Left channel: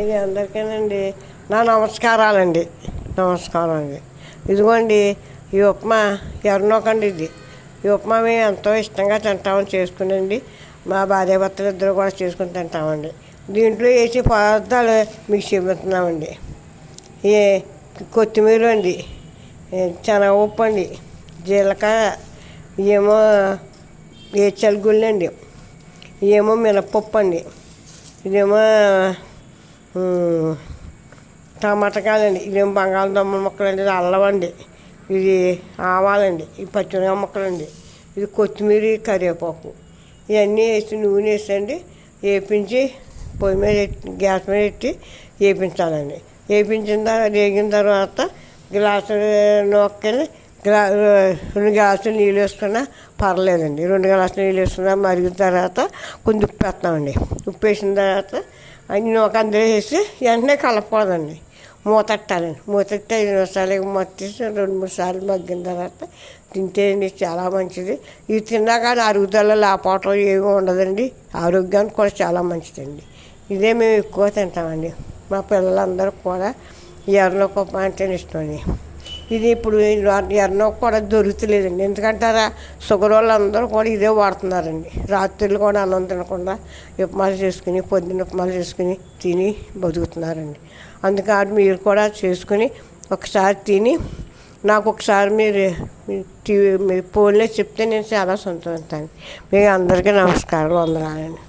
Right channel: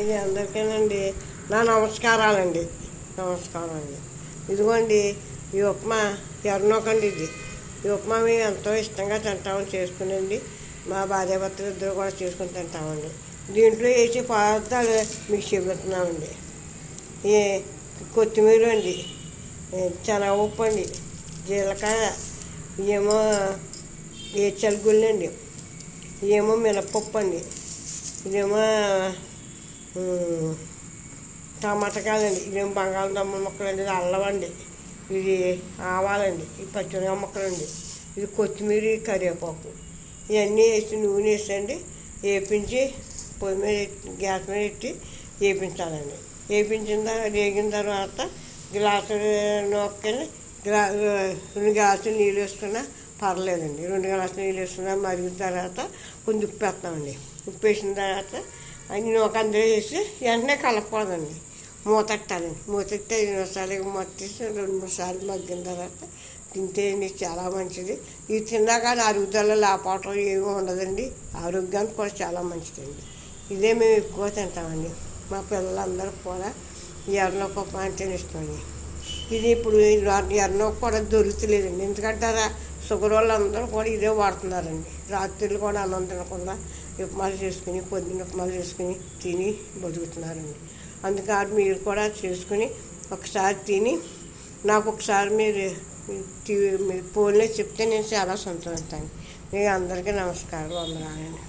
ఇది అందరికీనండి నా నమస్కారాలండి. నమస్కారం అండి. ఇదిగోండి ఈ ఉప్మా ఎర్రనోకండి. ఈ ఉప్మా మేము ఎంతో ఇష్టంగా తింటామని చేసుకునండి. మా భార్యాభర్తలు ఇద్దరు కూడా చేసుకుని తింటామండి. దీంట్లో వేసి పదార్థాలు మీకు చెబుతున్నామండి. ఏ కొత్తిమీర అండి, శనగపప్పు అండి, జీలకర్ర, ఏమో ఏచలుగుళ్ళు అండి, ఏమో మినపప్పు అండి, ఇదేమో టమాటకాయలండి, ఇదేమో బంగాళదుంప ముక్కలండి, ఇది అల్లం అండి, ఇది ఆవాలండి, ఇది పచ్చిమిరపకాయ ముక్కలండి, ఇది కొత్తిమీర, కరివేపాకు ఇవన్నీ వేసి నూనె వేసండి వేపించి పొయ్యి మీద గ్యాస్ మీద పెట్టి వేపించాలండి. వేగిన తర్వాత గ్లాసు నూకని 2 గ్లాసులు నీళ్ళు వేసుకున్నా పర్లేదండి. 2 గ్లాసులు నీళ్ళు వేసుకున్నా మరిగిన తర్వాత కొంచెం ఉప్పు వేస్తామండి. ఉప్పు వేసిన తర్వాత అన్ని నూక అందులో వేసి వెంటనే కలపకూడదండి. మూతెట్టాలండి. మూతెట్టి 5 నిమిషాలు మత్తేసి 2-3 సార్లు మగ్గిన తర్వాత తింటేండి చాలా మంచిది. ఇది తిన్నాక అరుగుదల లేకపోవటం ఏమీ ఉండదండి. ఆరోగ్యానికి కూడా చాలా మంచిదండి. ఇదే మేము ఎక్కువ తింటామండి. మా పిల్లలందరూ కూడా ఎర్రనూక అంటే ఇష్టమండి. ఇది ఇప్పుడు ఎర్రనూక కూడా దొరుకుతలేదండి. ఎందుకంటారా, షుగర్ వాళ్ళందరూ కూడా ఇదే వాడుతున్నారండి. రాత్రులు కూడా అన్నం తినకుండా ఉప్మాలు చేసుకుని, పొద్దున్న ఉప్మాలు చేసుకుని తిని బతుకుతున్నారండి. అందుకని మీరు కూడా చేసుకుని ఒకసారి తిని నాకు ఒకసారి మీరు ఫోన్లో చెప్తే నేను చాలా సంతోషిస్తాను. మీకు అందరికీ నమస్కారం, వందనాలండి.